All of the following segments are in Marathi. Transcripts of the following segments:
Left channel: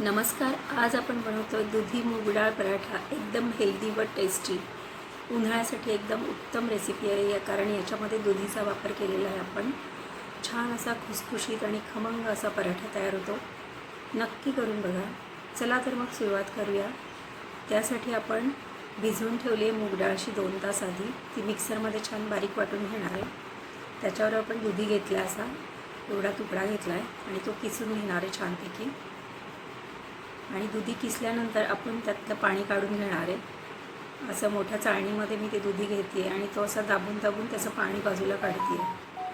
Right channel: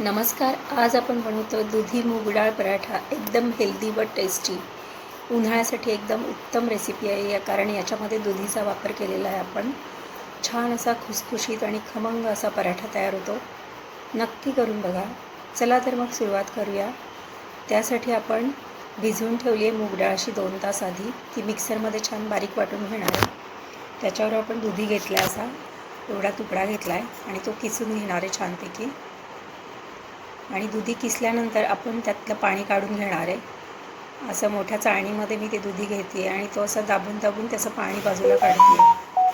नमस्कार. आज आपण बनवतो दुधी मूग डाळ पराठा. एकदम हेल्दी व टेस्टी. उन्हाळ्यासाठी एकदम उत्तम रेसिपी आहे कारण याच्यामध्ये दुधीचा वापर केलेला आहे आपण. छान असा खुसखुशीत आणि खमंग असा पराठा तयार होतो. नक्की करून बघा. चला तर मग सुरुवात करूया. त्यासाठी आपण भिजवून ठेवली आहे मूग डाळ अशी 2 तास आधी. ती मिक्सरमध्ये छान बारीक वाटून घेणार आहे. त्याच्यावर आपण दुधी घेतला आहे, असा एवढा तुकडा घेतला आहे आणि तो किसून घेणार आहे छानपैकी. आणि दुधी किसल्यानंतर आपण त्यातलं पाणी काढून घेणार आहे. असं मोठ्या चाळणीमध्ये मी ते दुधी घेते आणि तो असं दाबून त्याचं पाणी बाजूला काढते आहे.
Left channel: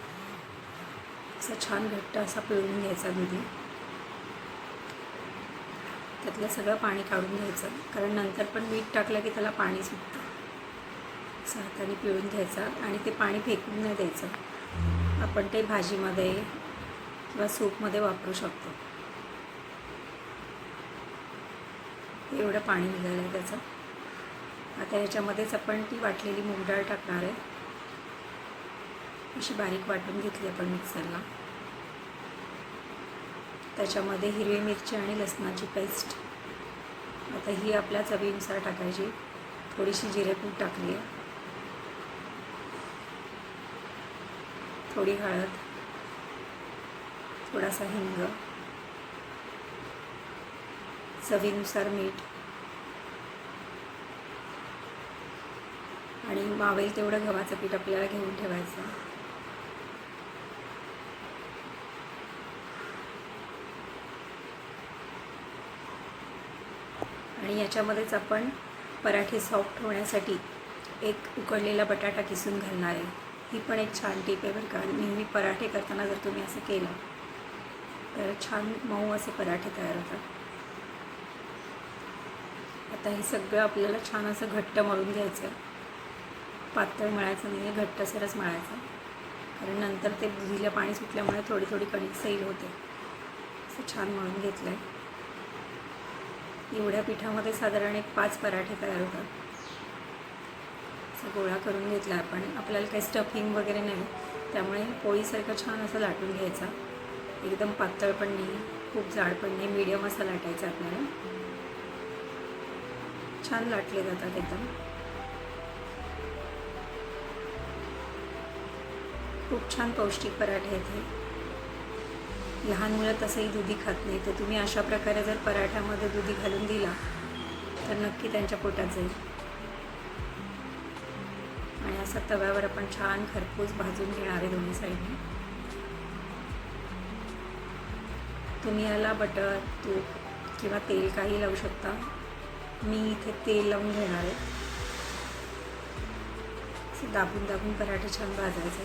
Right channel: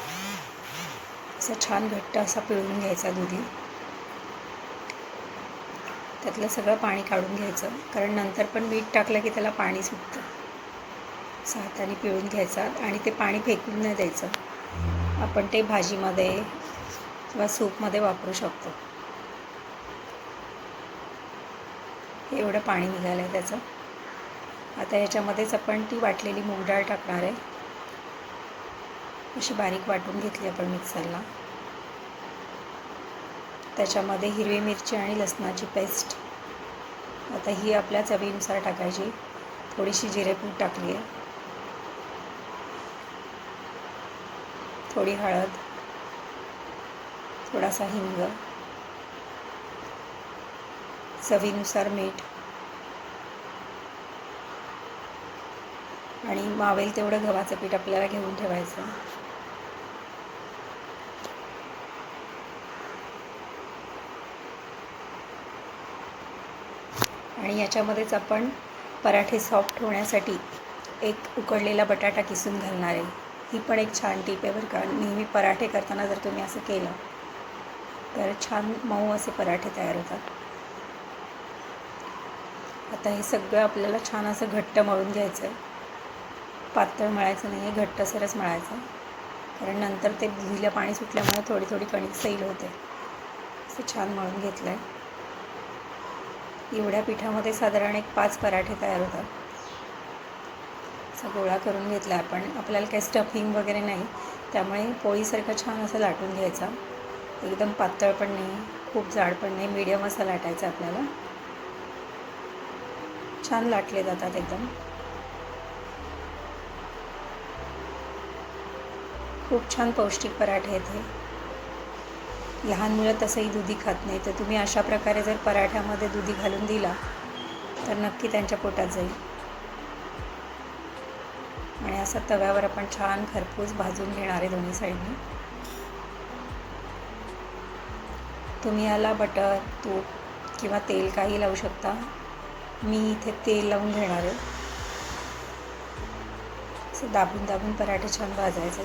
असं छान घट्ट असा पिळून घ्यायचा दुधी. त्यातलं सगळं पाणी काढून घ्यायचं कारण नंतर पण मीठ टाकलं की त्याला पाणी सुटतं. असं हाताने पिळून घ्यायचा आणि ते पाणी फेकून नाही द्यायचं. आपण ते भाजीमध्ये किंवा सूपमध्ये वापरू शकतो. एवढं पाणी निघालं आहे त्याचं. आता याच्यामध्येच आपण ती वाटलेली मूग डाळ टाकणार आहे. अशी बारीक वाटून घेतली आपण मिक्सरला. त्याच्यामध्ये हिरवी मिरची आणि लसणाची पेस्ट. आता ही आपल्या चवीनुसार टाकायची. थोडीशी जिरेपूड टाकली आहे. थोडी हळद, थोडासा हिंग, चवीनुसार मीठ आणि मावेल तेवढं गव्हाचं पीठ आपल्याला घेऊन ठेवायचं. आणि याच्यामध्येच आपण पराठे सॉफ्ट होण्यासाठी एक उकडलेला बटाटा किसून घालणार आहे. ही पण एक छान टीप आहे बरं का. नेहमी पराठे करताना जर तुम्ही असं केलं तर छान मऊ असे पराठे तयार होतात. आता हे सगळं आपल्याला छान असं घट्ट मळून घ्यायचं आहे. पातळ मळायचं नाही आहे, घट्टसरच मळायचं. कारण नंतर ते दुधीला पाणी सुटल्यामुळे थोडी कणिक सैल होते. असं छान मळून घेतलं आहे. एवढ्या पिठामध्ये साधारण एक 5 पराठे तयार होतात. असा गोळा करून घेतला आपण. आपल्याला काही स्टफिंग वगैरे नाही, त्यामुळे पोळीसारखं छान असं लाटून घ्यायचा. एकदम पातळ पण नाही, खूप जाड पण नाही, मीडियम असा लाटायचा आपल्याला. छान लाटले जातात एकदम. खूप छान पौष्टिक पराठे आहेत हे. लहान मुलं तसंही दुधी खात नाही, तर तुम्ही अशा प्रकारे जर पराठ्यामध्ये दुधी घालून दिला तर नक्की त्यांच्या पोटात जाईल. आणि असा तव्यावर आपण छान खरपूस भाजून घेणार आहे दोन्ही साईडने. तुम्ही याला बटर, तूप किंवा तेल काही लावू शकता. मी इथे तेल लावून घेणार आहे. असे दाबून पराठे छान भाजायचे.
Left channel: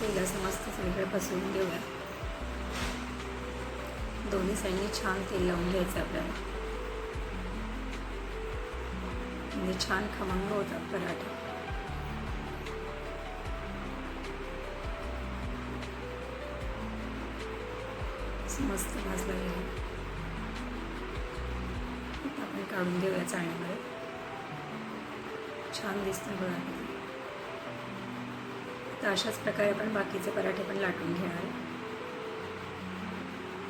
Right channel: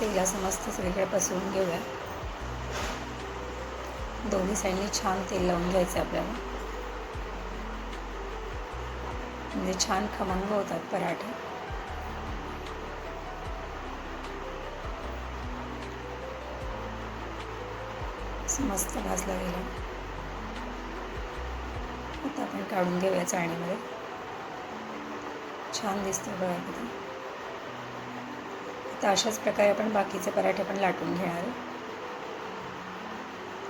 तेल असं मस्त सगळीकडे पसरवून घेऊया. दोन्ही साईडने छान तेल लावून घ्यायचं आपल्याला. म्हणजे छान खमंग होतात पराठे. मस्त भाजला गेला. आता आपण काढून घेऊया चाळणीमध्ये. छान दिसतं बघा किती. आता अशाच प्रकारे आपण बाकीचे पराठे पण लाटून घेणार आहे.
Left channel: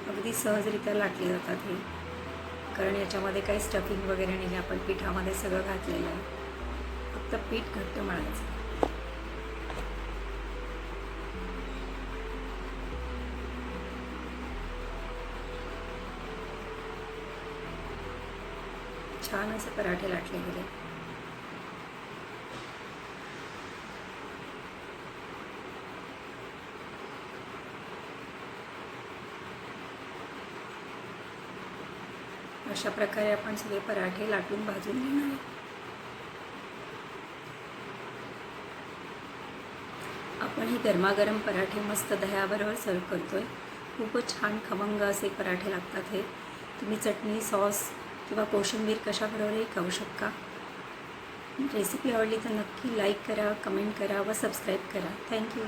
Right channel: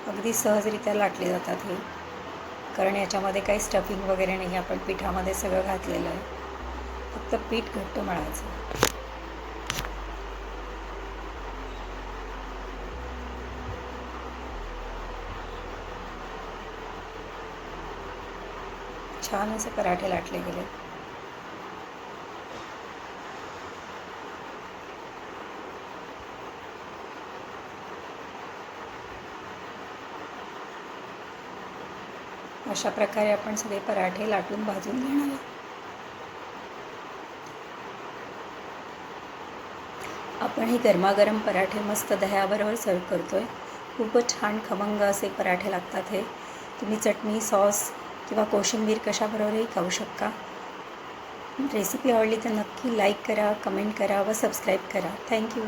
अगदी सहजरित्या लाटले जातात हे, कारण याच्यामध्ये काही स्टफिंग वगैरे नाही. आपण पिठामध्ये सगळं घातलेलं आहे. फक्त पीठ घट्ट मळायचं. छान असे पराठे लाटले गेले. अशा प्रकारे आपण सगळे पराठे लाटून भाजून घेणार आहे. आपण हे गरमागरम पराठे मस्त दह्याबरोबर सर्व करतोय. खूपच छान खमंग असे पराठे लागतात हे. तुम्ही चटणी, सॉस किंवा कोशिंबीर कशाबरोबरही खाऊ शकता. रेसिपी आवडली तर नक्की लाईक करा, कमेंट करा व सबस्क्राईब करा. थँक्यू.